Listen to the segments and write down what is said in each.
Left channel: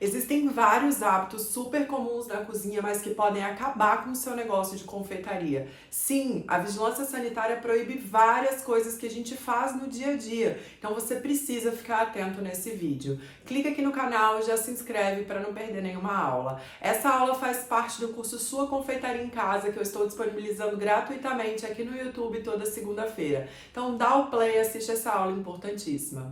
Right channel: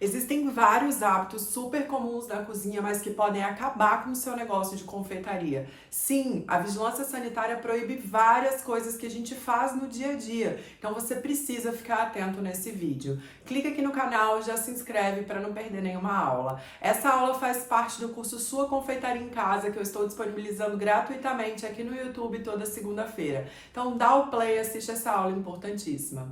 Existem vários hábitos super comuns na cozinha, mas que podem acabar com o seu negócio de confeitaria. Sim, a vigilância sanitária proíbe várias coisas que a gente faz no dia a dia, então você precisa ficar atento nesse vídeo. Clica aqui no canal e já se inscreve para não perder nenhuma aula. Essa aula faz parte do curso Sua Confeitaria em Casa, que eu estou disponibilizando gratuitamente aqui no YouTube toda segunda-feira. Então dá o play e assiste essa aula importantíssima.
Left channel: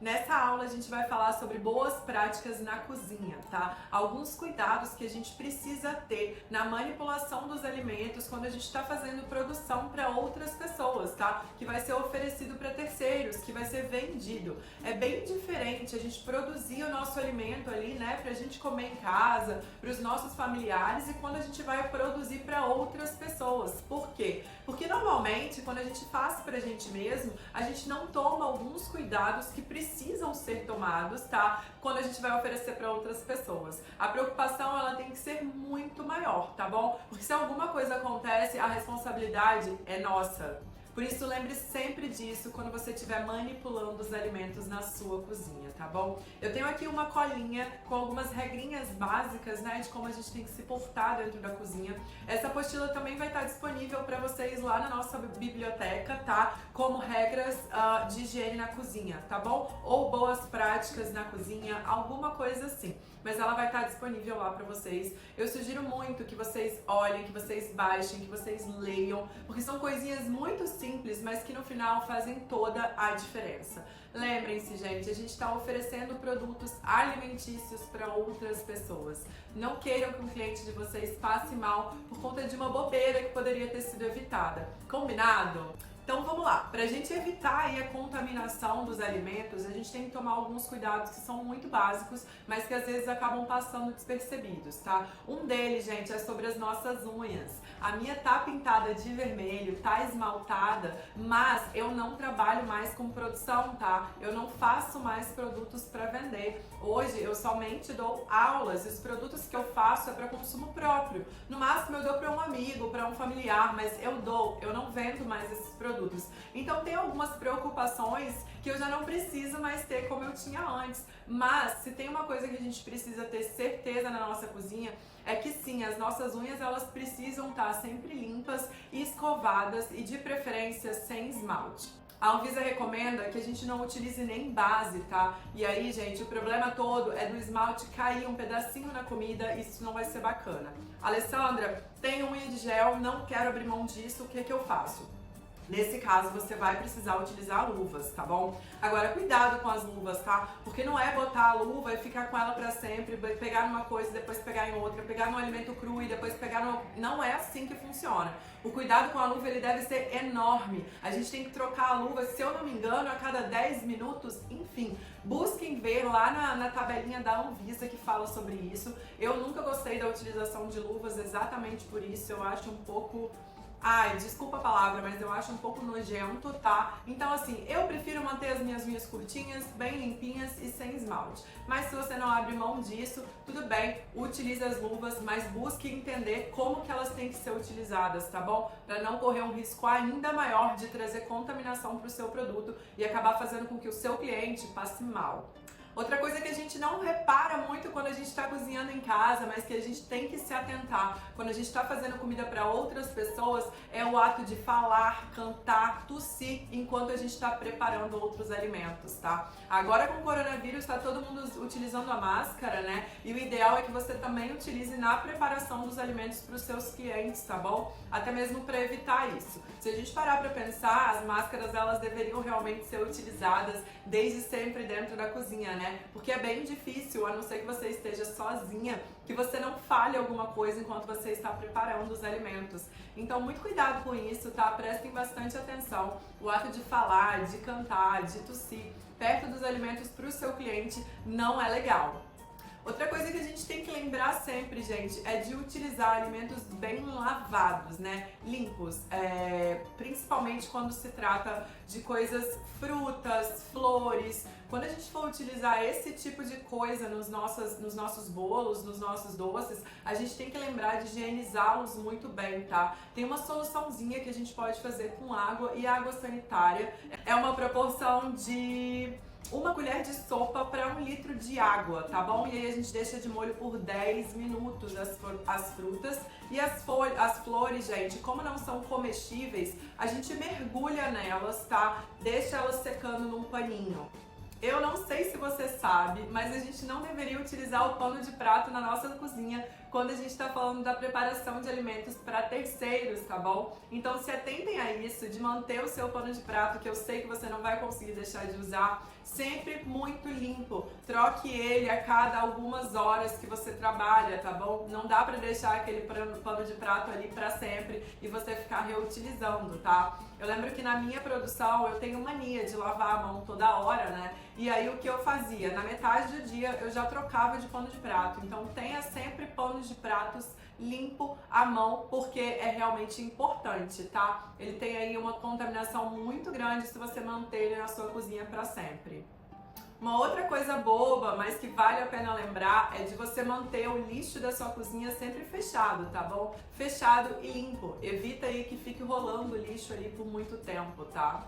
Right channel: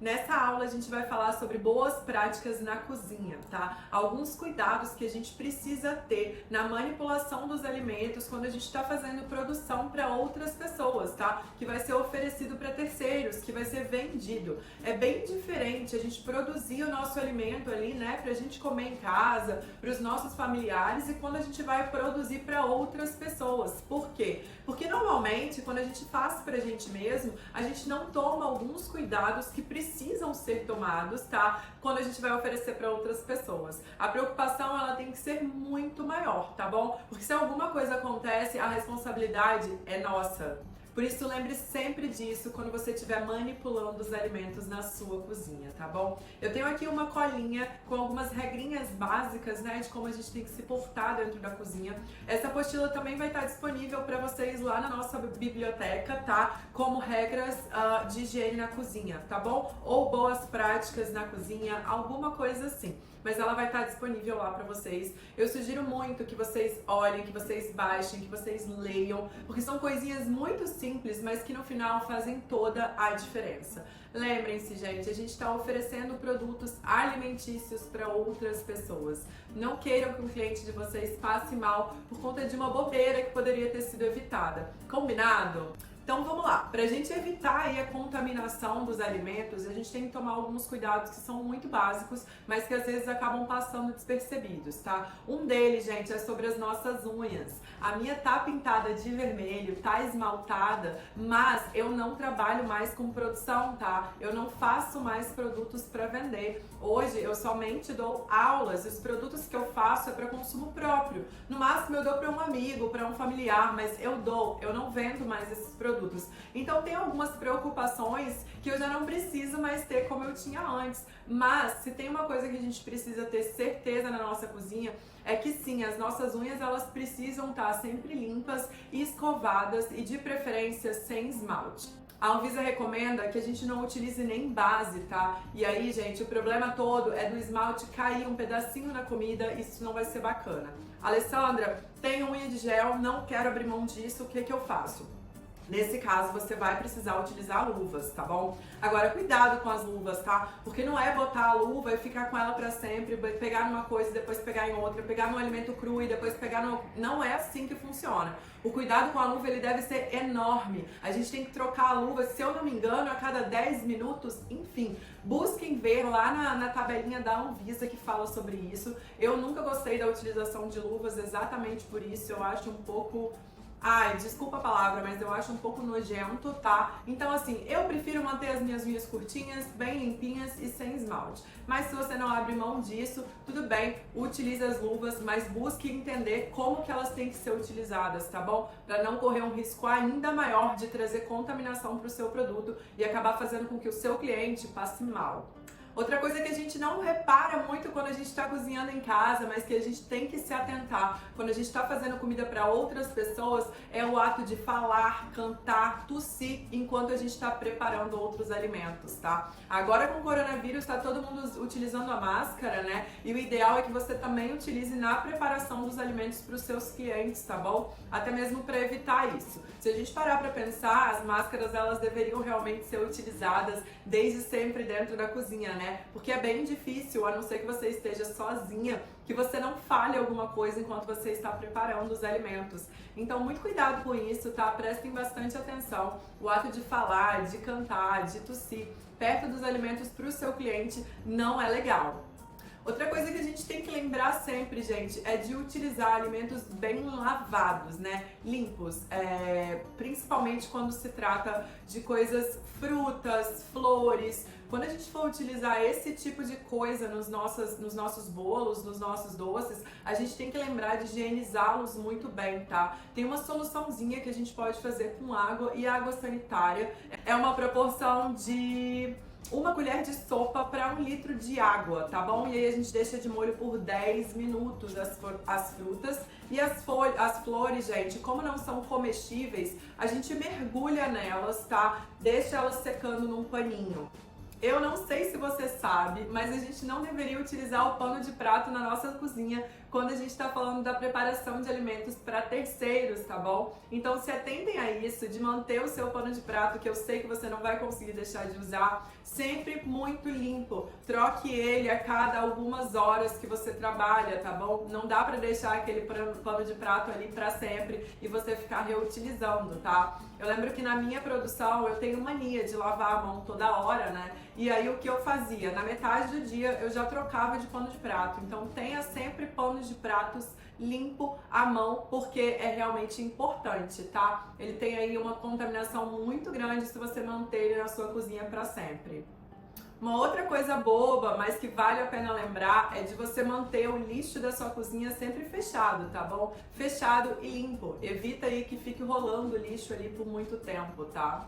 Nessa aula a gente vai falar sobre boas práticas na cozinha, tá? Alguns cuidados que a gente precisa ter na manipulação dos alimentos quando a gente está fazendo produção para outras pessoas, tá? Que vai ser oferecido para terceiros, que vai ser vendido. É bem diferente a gente produzir o nosso alimento ali, né? Pra gente comer em casa, para os nossos familiares, e quando a gente vai produzir para outras pessoas. Por quê? Porque normalmente quando a gente faz pra gente mesmo, a gente não toma alguns cuidados que precisam ser tomados, tá? Quando a gente vai oferecer para outras pessoas. A preocupação, ela tem que ser muito maior, tá bom? Porque se alguma coisa acontece, a responsabilidade é nossa. Por isso, lembre sempre disso quando você estiver manipulando os alimentos na sua cozinha, tá bom? Eu tenho aqui uma colinha com algumas regrinhas básicas, né, de como a gente tem que se portar dentro da cozinha. Essa apostila também vai estar disponível para vocês lá na nossa biblioteca, tá? Como regras de higiene na cozinha, tá bom? Ou boas práticas na cozinha, alguma coisa assim. Mas ela vai estar disponível lá para vocês. Eu sugiro muito que vocês olhem, que vocês baixem, que vocês leiam, porque são coisinhas muito simples, mas que no final fazem toda a diferença. Lembrem-se, gente, a gente está oferecendo produtos alimentícios para outras pessoas. Não queiram que um cliente de vocês passe mal por conta de uma bobeira que poderia ter sido evitada. Combinado? Então vamos lá, para a gente evitar aí a contaminação dos alimentos, a gente tem que tomar alguns cuidados que são muito básicos, mas que às vezes acabam passando despercebidos, tá? Um deles, gente, é sobre as nossas unhas. A minha tá pintada de vermelho, tá esmaltada, mas eu não trabalho mais com produção, tá? Eu não faço mais produtos para vender. Hoje eu somente dou aulas, e os produtos que eu faço é para consumo próprio. No máximo eu dou para um amigo, para um familiar, mas eu não vendo mais esses produtos. Então tem algumas preocupações que eu já não preciso mais ter como eu tinha antes. Mas se tem uma coisa que a gente precisa ter certeza na nossa cozinha, é que sim, as nossas unhas elas precisam estar sempre limpas e escovadas, e de preferência sem esmalte. A Anvisa recomenda que a gente não utilize nem base, tá? E aí, gente, o problema todo é do esmalte cair um pedacinho na comida, isso não vai ser bacana. Alessandra, tem unha de gel, não quero abrir mão disso, o que que eu faço? Nesse caso, você vai precisar utilizar luvas, tá bom? Agora, cuidado com as luvas, tá? Porque não é botar a luva e ficar com ela pra sempre, pegar numa coisa e depois pegar em outra, pegar no alimento cru e depois pegar no... Não é assim que funciona. O cuidado com a luva, ele deve ser enorme. A gente tem que trocar a luva, se eu não me engano, a cada 10 minutos, enfim. Busquem ver lá na tabelinha da Anvisa que fala sobre isso. Eu nunca gostei da utilização de luvas exatamente por isso. Eu acho um pouco... Ai, desculpa a palavra, mas eu acho um pouco nojento, tá? Então, assim, eu prefiro manter as minhas unhas curtinhas, bem limpinhas e sem esmalte. Mas se você não abre mão disso, tudo bem, utilize as luvas, mas busque entender como que elas têm que ser utilizadas, tá bom? Para não correr um risco ainda maior de trazer contaminação para o seu produto e acabar fazendo com que o seu cliente passe mal. Outra coisa que a gente não repara muito quando a gente está cozinhando em casa, mas que a gente tem que se atentar quando a gente está fazendo comida para outras pessoas, é o ato de falar, cantar, tossir enquanto a gente está preparando outros alimentos, tá? Agora com o coronavírus está todo mundo utilizando a máscara, né? E o ideal é que você também utilize na preparação dos alimentos para os seus clientes, tá bom? Até mesmo para evitar isso. Se a gente parar para pensar, as máscaras elas deveriam realmente ser utilizadas desde sempre dentro da cozinha, né? Porque é bem difícil, a não ser que você esteja sozinha, que você não fale alguma coisa enquanto você está preparando os alimentos. Então, muito cuidado com isso, tá? Prestem bastante atenção. O ato de falar, de cantar, de tossir perto dos alimentos para o seu cliente não é legal. Outra coisa que a gente tem que lembrar sempre, gente, é de utilizar alimentos bem lavados, né? Limpos, principalmente quando se trata de coisas, frutas, flores. Quando a gente for utilizar esse tipo de coisa nos nossos bolos, nos nossos doces, a gente tem que lembrar de higienizá-los muito bem, tá? Tem uma soluçãozinha que a gente pode fazer com água e água sanitária. É uma proporção de 1 colher de sopa para 1 litro de água, tá bom? E aí a gente deixa de molho por 10 minutos as frutas. E as flores, gente, como não são comestíveis, a gente mergulha nelas, tá? Deixa elas secando num paninho. Eu não sei se você sabe, mas a gente não deveria utilizar o pano de prato na nossa cozinha quando a gente está falando da preparação de alimentos para terceiros, tá bom? Então se atentem a isso, de manter o seu pano de prato, que eu sei que você não vai conseguir deixar de usar, sempre muito limpo. Troque ele a cada algumas horas que você trabalha, tá bom? Não dá para deixar aquele pano de prato ali para sempre e você ficar reutilizando, tá? Eu lembro que na minha produção eu tenho mania de lavar a mão toda hora, né? E aí o que eu fazia? Na metade do dia eu já trocava de pano de prato. Então tenha sempre panos de pratos limpo à mão, porque é realmente importante, tá? Ele tem aí uma contaminação muito grande se você manter ele na sua cozinha para sempre. Uma outra coisa boba, mas que vale a pena lembrar, é de você manter o lixo da sua cozinha sempre fechado, tá bom? Fechado e limpo. Evita aí que fique rolando o lixo ali por muito tempo, tá?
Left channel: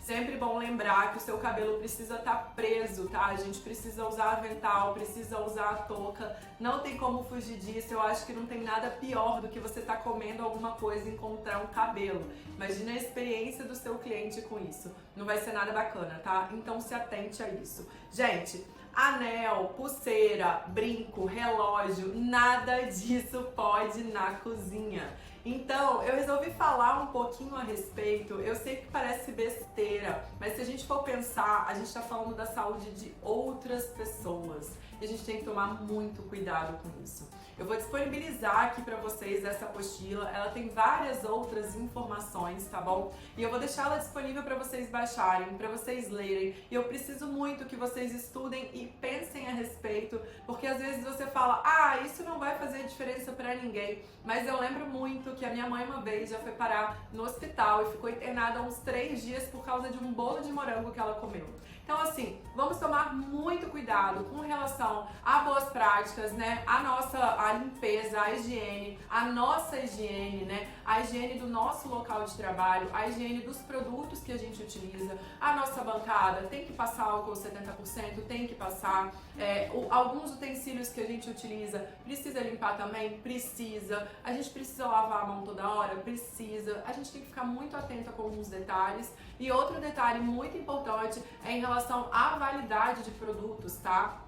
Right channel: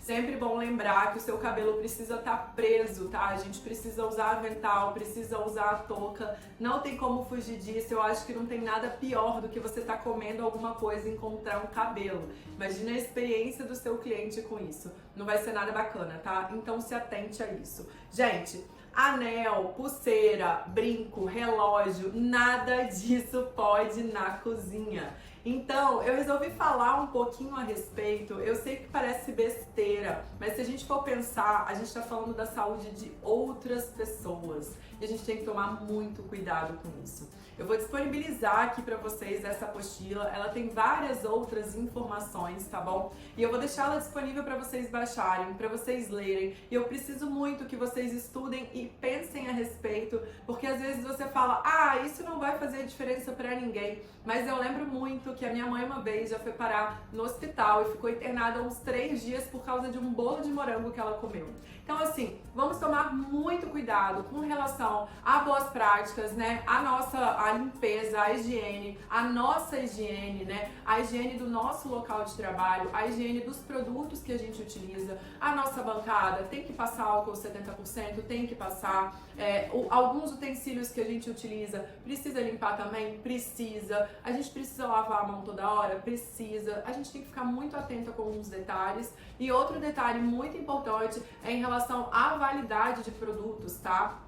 Sempre bom lembrar que o seu cabelo precisa estar preso, tá? A gente precisa usar avental, precisa usar a touca, não tem como fugir disso. Eu acho que não tem nada pior do que você estar comendo alguma coisa e encontrar um cabelo. Imagina a experiência do seu cliente com isso. Não vai ser nada bacana, tá? Então se atente a isso. Gente, anel, pulseira, brinco, relógio, nada disso pode ir na cozinha. Então, eu resolvi falar um pouquinho a respeito. Eu sei que parece besteira, mas se a gente for pensar, a gente está falando da saúde de outras pessoas. E a gente tem que tomar muito cuidado com isso. Eu vou disponibilizar aqui para vocês essa apostila. Ela tem várias outras informações, tá bom? E eu vou deixar ela disponível para vocês baixarem, para vocês lerem. E eu preciso muito que vocês estudem e pensem a respeito, porque às vezes você fala, ah, isso não vai fazer diferença para ninguém. Mas eu lembro muito que a minha mãe uma vez já foi parar no hospital e ficou internada uns 3 dias por causa de um bolo de morango que ela comeu. Então assim, vamos tomar muito cuidado com relação a boas práticas, né? A limpeza, a higiene, a nossa higiene, né? A higiene do nosso local de trabalho, a higiene dos produtos que a gente utiliza, a nossa bancada tem que passar álcool 70%, tem que passar. Alguns utensílios que a gente utiliza, precisa limpar também? Precisa. A gente precisa lavar a mão toda hora? Precisa. A gente tem que ficar muito atento com alguns detalhes. E outro detalhe muito importante é em relação à validade de produtos, tá?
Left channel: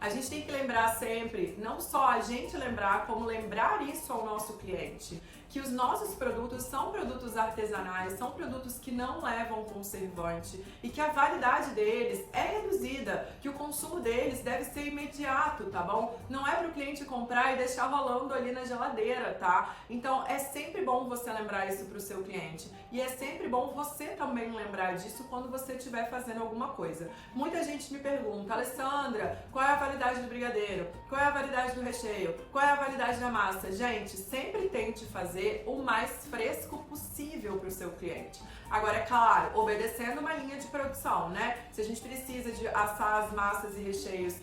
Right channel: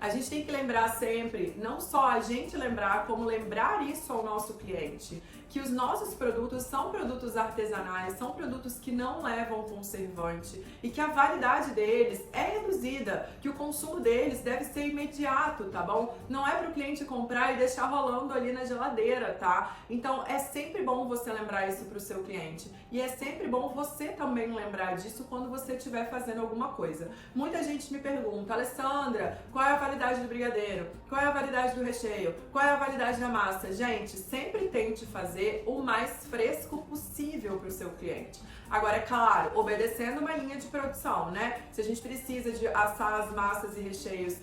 A gente tem que lembrar sempre, não só a gente lembrar, como lembrar isso ao nosso cliente, que os nossos produtos são produtos artesanais, são produtos que não levam conservante e que a validade deles é reduzida, que o consumo deles deve ser imediato, tá bom? Não é para o cliente comprar e deixar rolando ali na geladeira, tá? Então é sempre bom você lembrar isso para o seu cliente e é sempre bom você também lembrar disso quando você estiver fazendo alguma coisa. Muita gente me pergunta, Alessandra, qual é a validade do brigadeiro? Qual é a validade do recheio? Qual é a validade da massa? Gente, sempre tente fazer o mais fresco possível para o seu cliente. Agora, é claro, obedecendo uma linha de produção, né? Se a gente precisa de assar as massas e recheios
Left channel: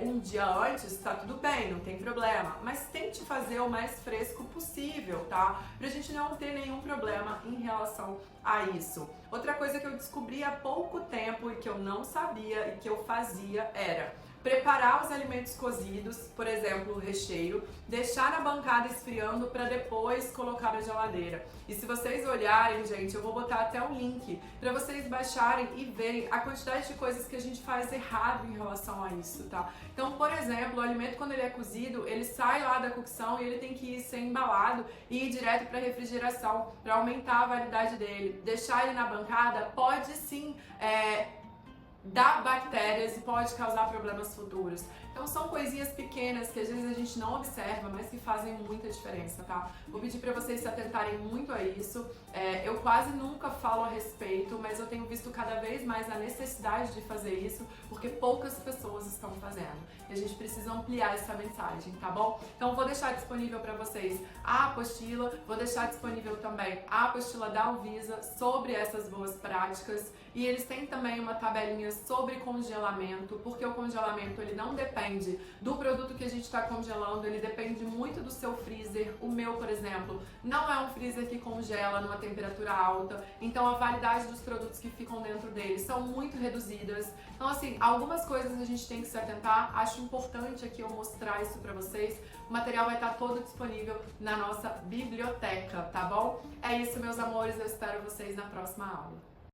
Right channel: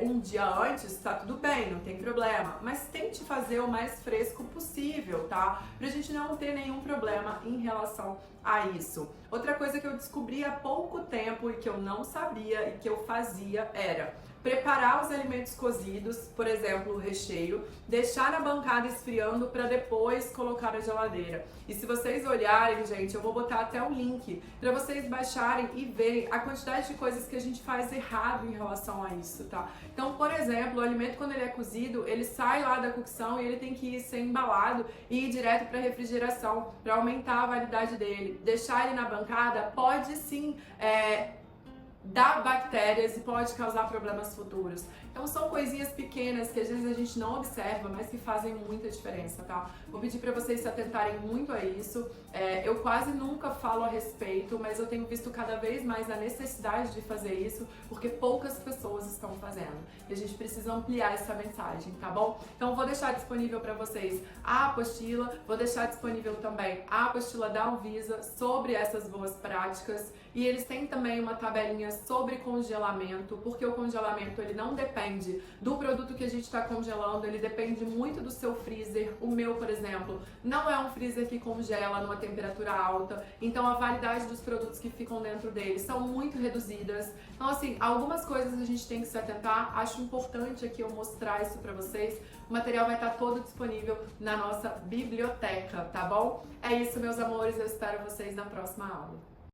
um dia antes, tá tudo bem, não tem problema. Mas tente fazer o mais fresco possível, tá? Pra gente não ter nenhum problema em relação a isso. Outra coisa que eu descobri há pouco tempo e que eu não sabia e que eu fazia era preparar os alimentos cozidos, por exemplo, o recheio, deixar na bancada esfriando para depois colocar na geladeira. E se vocês olharem, gente, eu vou botar até o link para vocês baixarem e verem a quantidade de coisas que a gente faz errado em relação a isso, tá? Então, por exemplo, o alimento quando ele é cozido, ele sai lá da cocção e ele tem que ser embalado e ir direto para refrigeração para aumentar a validade dele. Deixar ele na bancada pode sim dá bactérias e pode causar problemas futuros. Então são coisinhas pequenas que às vezes a gente não observa, mas que fazem muita diferença, tá? Vou pedir para vocês se atentarem muito a isso. Eu quase nunca falo a respeito, mas eu tenho visto cada vez mais a necessidade de fazer isso, porque poucas pessoas estão fazendo. E a gente precisa ampliar essa mensagem, tá bom? Então vou deixar disponível para vocês a apostila, vou deixar disponível também a apostila da Anvisa sobre essas boas práticas. E eles têm também uma tabelinha sobre congelamento, porque o congelamento ele não depende depende do produto que a gente está congelando, ele depende muito do seu freezer. O meu, por exemplo, não é um freezer que congela numa temperatura alta, então a validade dos produtos que ficam dentro dele são muito reduzidas. Então, assim, algumas coisas a gente tem que se atentar. Acho importante aqui eu mostrar isso pra vocês. O material vai estar todo disponível na nossa biblioteca, tá bom? É isso, meus amores, eu espero vocês na próxima aula.